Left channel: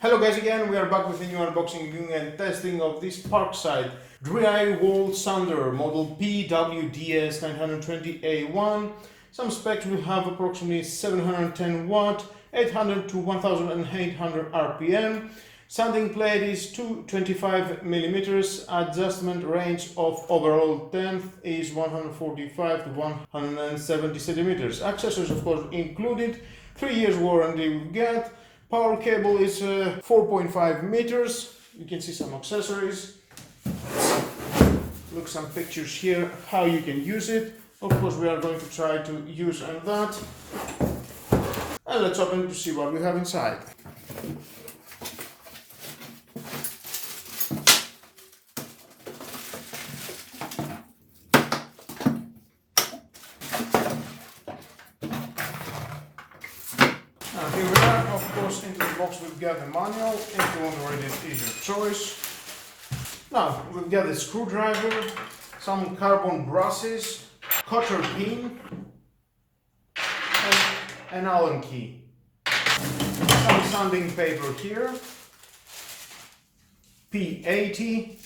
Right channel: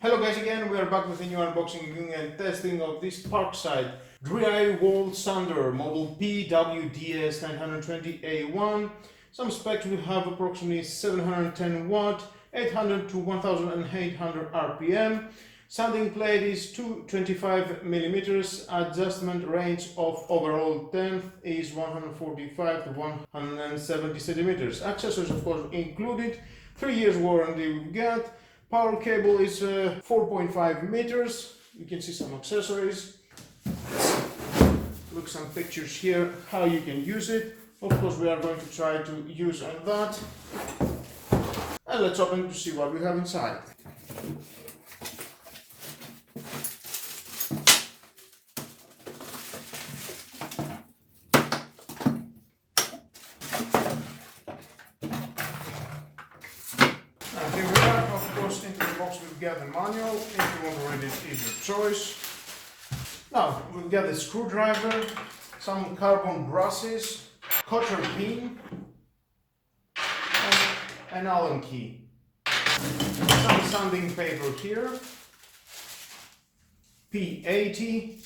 Hello guys again, we are back with a new unboxing, reviewing and testing of this Parkside Drywall sander model PWDS 920A1. Some specs: we have approximately 710 watt, 800 to 1800 RPM. Sanding plate is 225 millimeters. Adjustment range of overall depth is 145 to 170 centimeters. Accessories of course included. 3 years warranty we've got. Power cable is 4.5 meters. You can see some accessories. Look some pictures here how you can use it. Of course we are going to try to use that. And let's open to see what we have inside. Here we are. Of course, into the box we've got the manual. If you want to read it, is your choice. Now we've got the screwdriver, some carbon brushes, cotter pin, and an Allen key. Some sanding paper here. P80,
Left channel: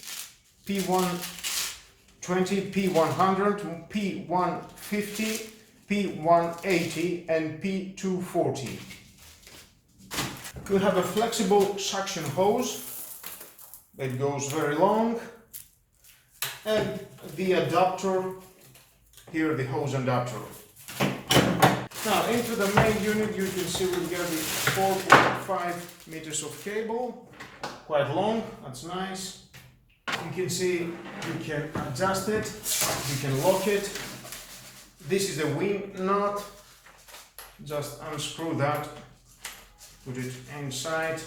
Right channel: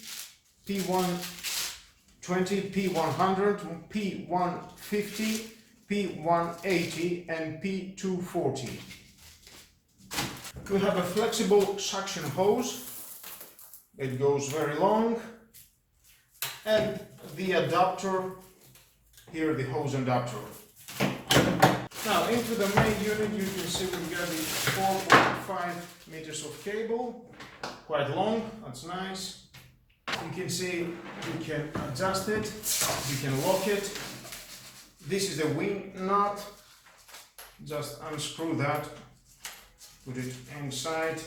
P120, P100, P150, P180 and P240. We have a flexible suction hose that goes very long, and the adapter here, the hose adapter. Now into the main unit, you can see we've got the 4.5 meters of cable, quite long, that's nice. You can see you can adjust it, you can lock it. This is the wing nut. Just unscrew that, put it inside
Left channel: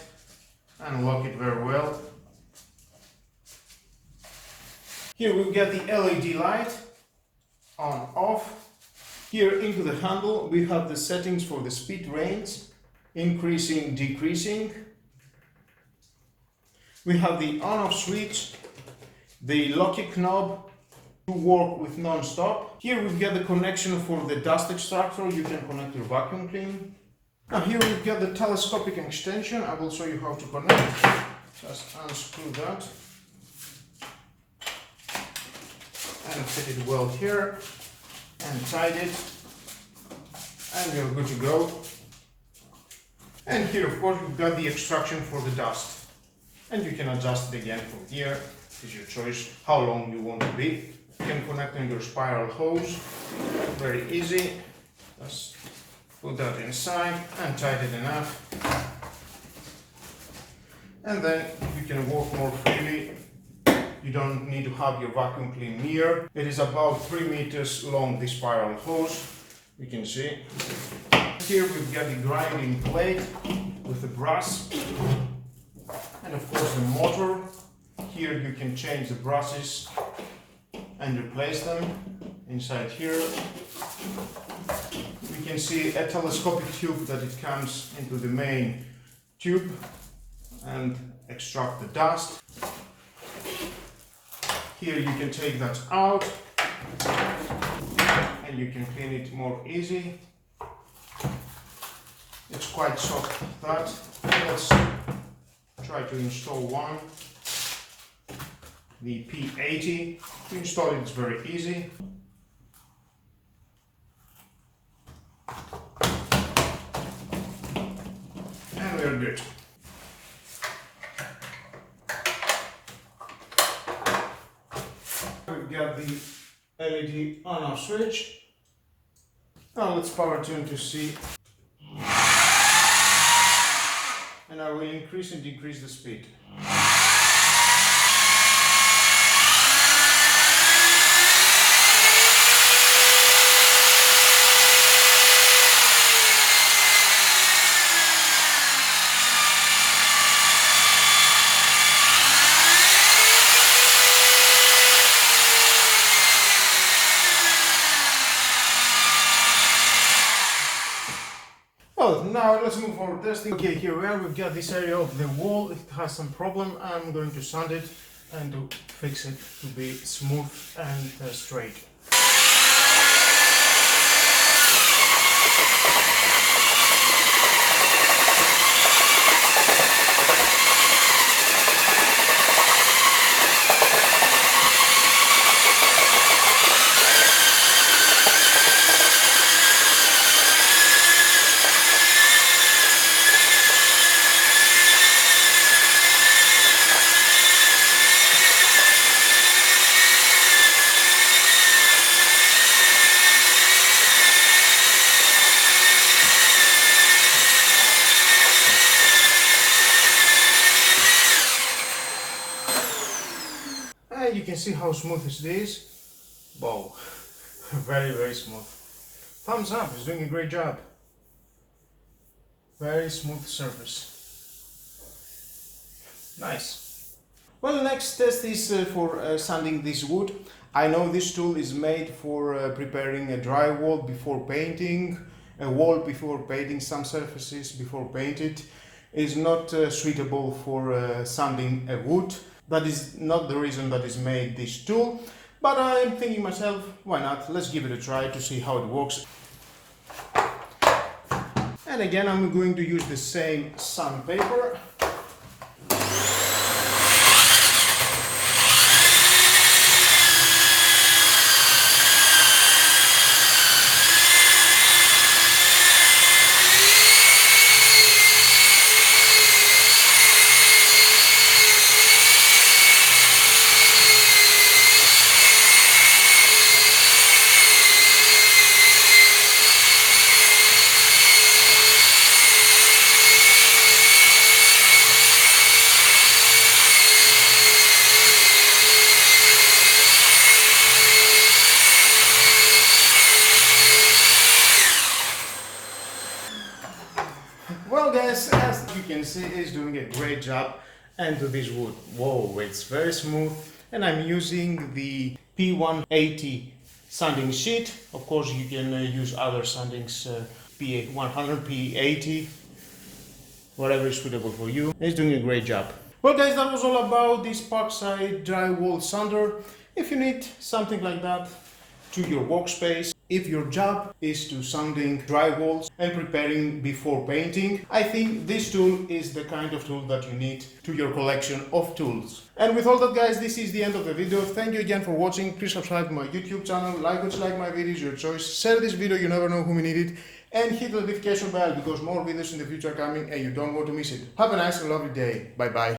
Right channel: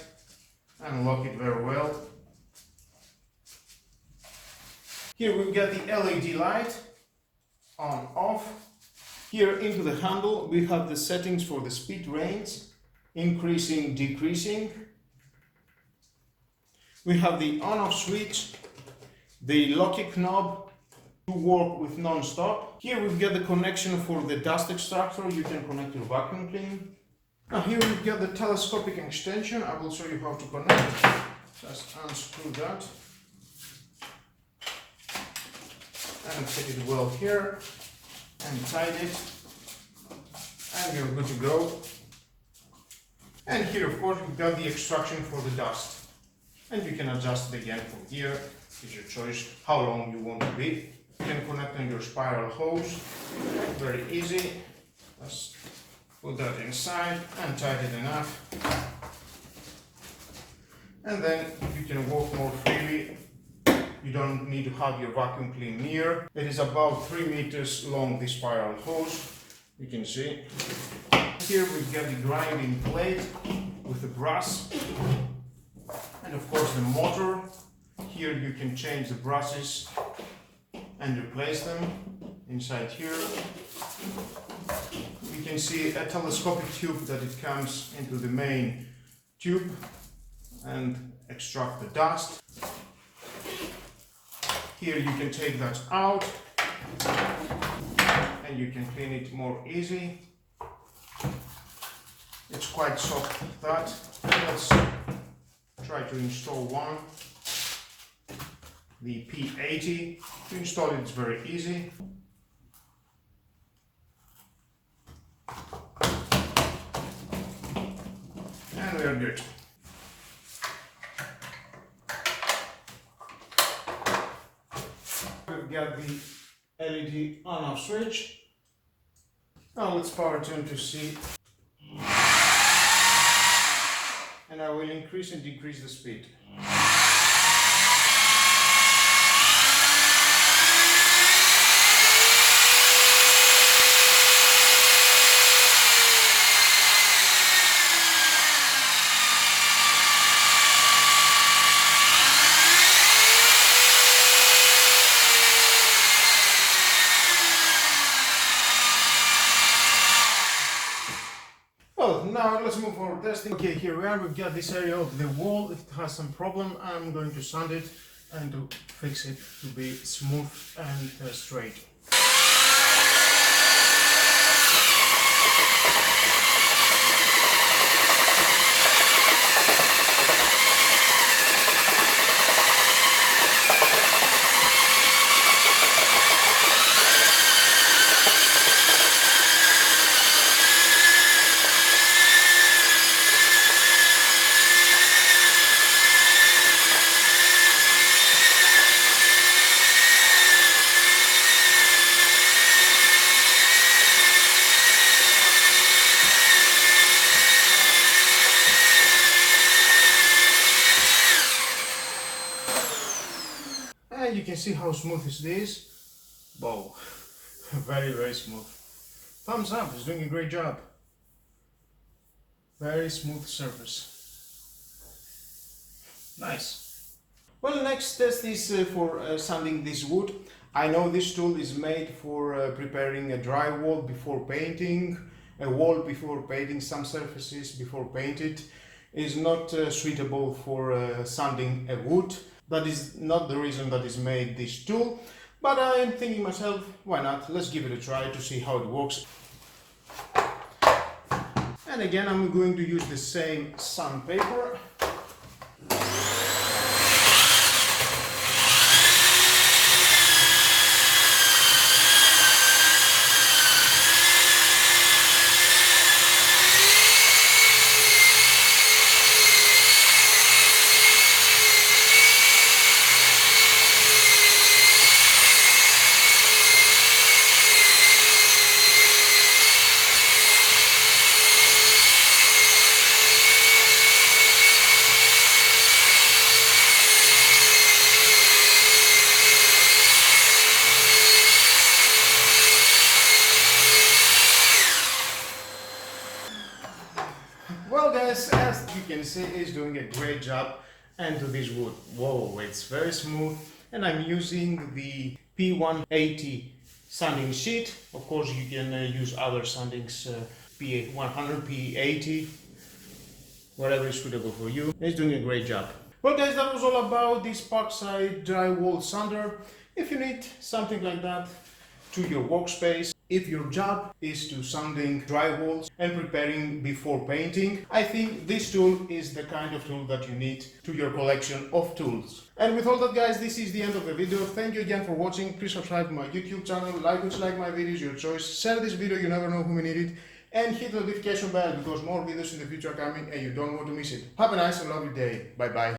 and lock it very well. Here we've got the LED light on off. Here into the handle we have the settings for the speed range, increasing, decreasing. We have the on off switch, the locking knob to work with non-stop. Here we've got the connection for the dust extractor. You can connect your vacuum cleaner. Now here we've got the telescopic extension. I will show you how to connect. Just unscrew that and fit it well here and tight it, and you're good to go. And here of course we've got the extraction for the dust, and you can adjust it again from here. It's your choice how long you want to be. You can connect on your spiral hose, very easy. Just put that inside and tighten it enough, and then you can work more freely. You don't need to have your vacuum cleaner near. It is about 3 meters long, this spiral hose. You can see. Here we've got the grinding plate with the brass, and of course the motor. Here you can change the brushes and replace them inside here. You can see a telescopic tube that it comes into the main tube and extract the dust. Here you can take that out and you can clean it more easy. It's quite soft, that. Let's try to install one. The P80. To install it is very easy. And we are good. We've got the LED on-off switch. Now let's power tune to see. And I will increase and decrease the speed. Now let's move for testing. Okay, here we are. We've got this area of the wall. It has some problem. I'm going to sand it and to fix it to be smooth and straight. can see how smooth it is. Wow, very, very smooth. Thumbs up, it's doing a great job. Very smooth surface. Nice. Well, next test is for sanding this wood. I know this tool is made for preparing a drywall before painting, a wall before painting, some surfaces before painted. Is not suitable for sanding a wood. That is not the reason that is made this tool. But I am thinking myself, why not? Let's give it a try to see how it works. And again, I'm going to use the same sandpaper. Well guys, as you can see, it's doing a great job into this wood. Whoa, it's very smooth, and I'm using the P180 sanding sheet. Of course you can use other sandings, P100, P80, whatever is suitable for you. It's doing a great job. Well guys, that was all about this Parkside Drywall sander. If you need something like that to your workspace, if your job is to sanding drywalls and preparing before painting, I think this tool is the kind of tool that you need to your collection of tools. And with all that guys, this is the end of the video. Thank you again for watching. Please subscribe to my YouTube channel, like or dislike my videos, your choice. Share this video, you never know whom you need it. And hit the notification bell because more videos in the future are coming and you don't want to miss it. Have a nice and lovely day. Bye bye.